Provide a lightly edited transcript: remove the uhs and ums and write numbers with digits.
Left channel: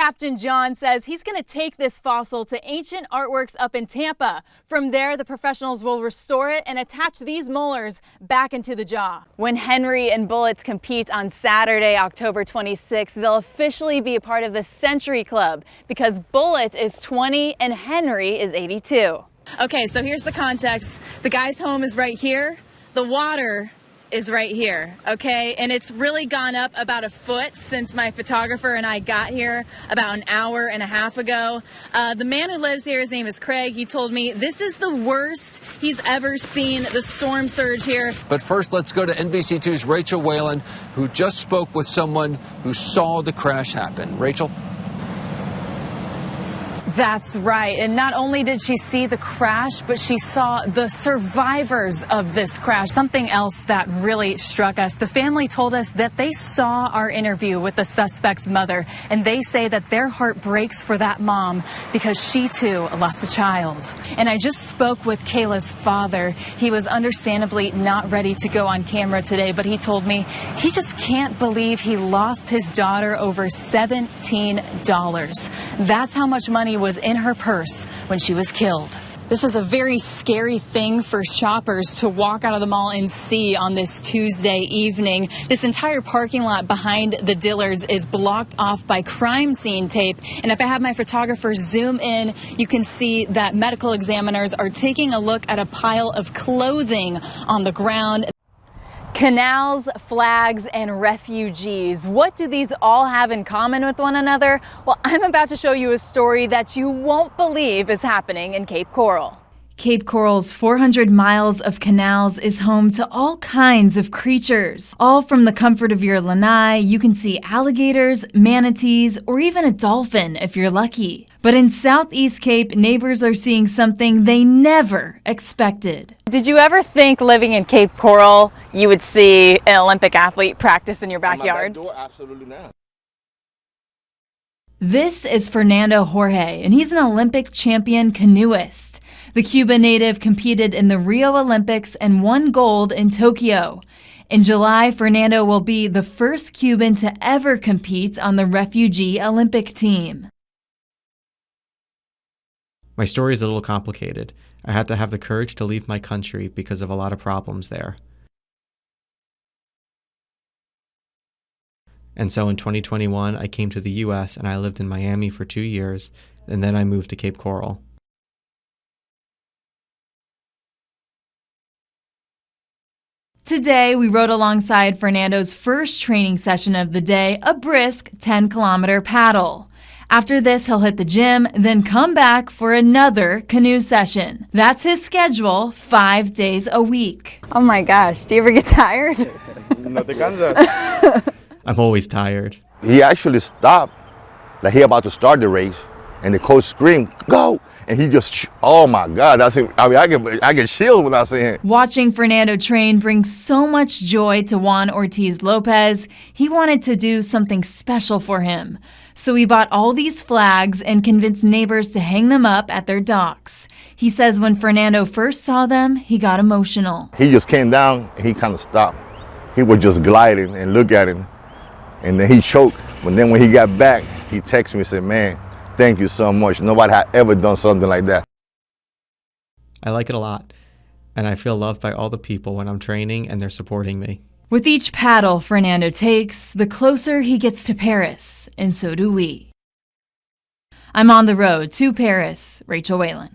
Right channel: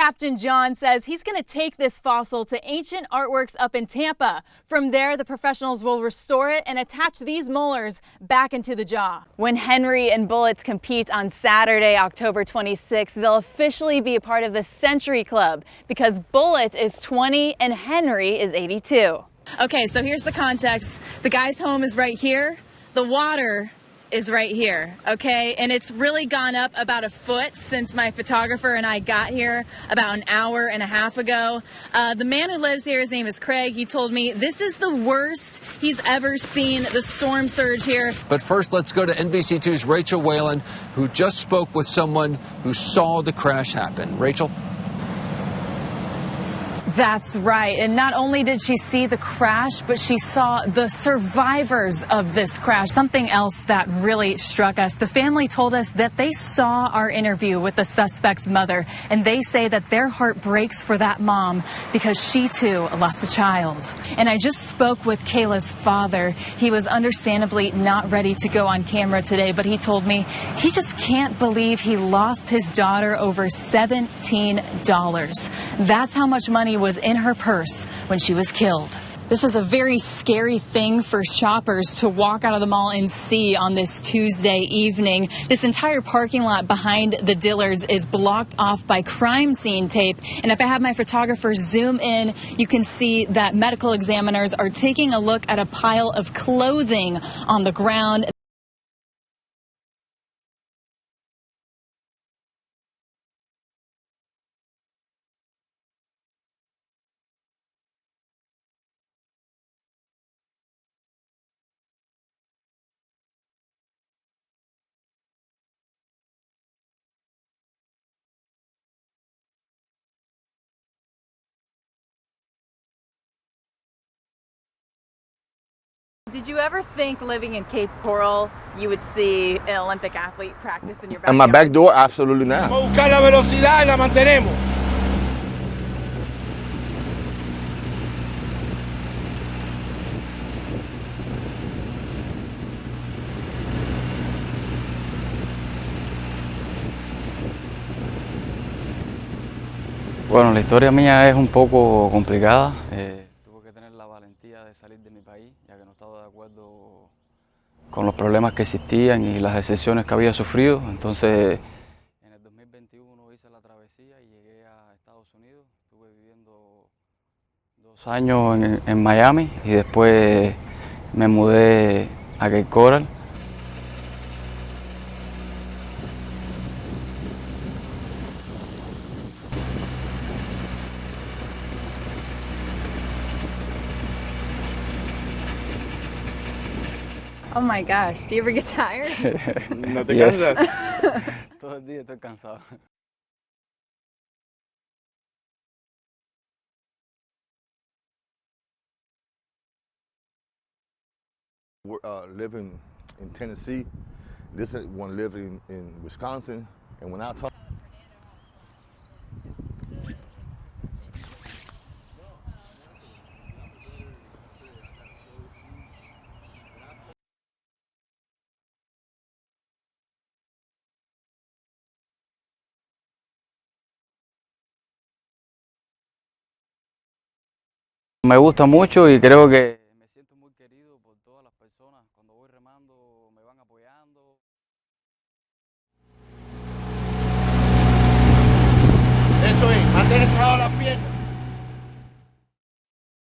Captain John says he's going to take this fossil to Ancient Artworks up in Tampa. From there, the professionals will restore it and attach these molars back into the jaw. When Henry and Bullets compete on Saturday, October 26th, they'll officially be a part of the Century Club because Bullet is 20 and Henry is 82. Okay, so here's the context. The guy's home is right here. The water is right here, okay? And it's really gone up about a foot since my photographer and I got here about an hour and a half ago. The man who lives here, his name is Craig, he told me this is the worst he's ever seen the storm surge here. But first, let's go to NBC2's Rachel Whelan, who just spoke with someone who saw the crash happen. Rachel? That's right. And not only did she see the crash, but she saw the survivors of this crash. Something else that really struck us. The family told us that they saw our interview with the suspect's mother, and they say that their heart breaks for that mom because she too lost a child. And I just spoke with Kayla's father. He was understandably not ready to go on camera today, but he told me he just can't believe he lost his daughter over $17. That's how much money was in her purse when she was killed. This is a very scary thing for shoppers to walk out of the mall and see on this Tuesday evening. This entire parking lot behind the Dillards is blocked off by crime scene tape. And if I have my photographer zoom in, you can see that medical examiners are taking a look at a pile of clothing on the ground. Canals, flags, and refugees. What do these all have in common with one another? Well, I'm about to show you a story that you won't believe is happening in Cape Coral. Cape Coral's 400 miles of canals is home to all kinds of creatures. All from the comfort of your lanai, you can see alligators, manatees, or even a dolphin if you're lucky. But in Southeast Cape, neighbors are seeing something they never expected. Did you ever think living in Cape Coral you would see an Olympic athlete practice in your backyard? On my back door, absolutely not. This is Fernando Jorge, and he's an Olympic champion canoeist. The Cuban native competed in the Rio Olympics and won gold in Tokyo. In July, Fernando will be the first Cuban to ever compete on the refugee Olympic team. Bueno, la historia mía es un poco complicada. My story is a little complicated. I had to have the courage to leave my country because of a lot of problems there. Con los problemas que existían y las excepciones que había sufrido, entonces... And so in 2021, I came to the U.S. and I lived in Miami for 2 years, and then I moved to Cape Coral. Años en Miami y después me mudé a Cape Coral. Today, we rode alongside Fernando's first training session of the day, a brisk 10-kilometer paddle. After this, he'll hit the gym, then come back for another canoe session. That's his schedule, 5 days a week. Oh my gosh, do you ever get tired? Yes. I'm always tired. He actually stopped, like he about to start the race, and the coach screamed, "Go!" And he just, oh my God, I get chills when I see him. Watching Fernando train brings so much joy to Juan Ortiz Lopez. He wanted to do something special for him. So he bought all these flags and convinced neighbors to hang them up at their docks. He says when Fernando first saw them, he got emotional. He just came down and he kind of stopped. He was just gliding and look at him. And then he choked. But then when he got back, he texted me and said, "Man, thank you so much. Nobody had ever done something like that." Me gusta mucho y creo que... I like it a lot, and I feel loved by all the people when I'm training and they're supporting me. With each paddle Fernando takes, the closer he gets to Paris, and so do we. I'm on the road to Paris, Rachel Whelan.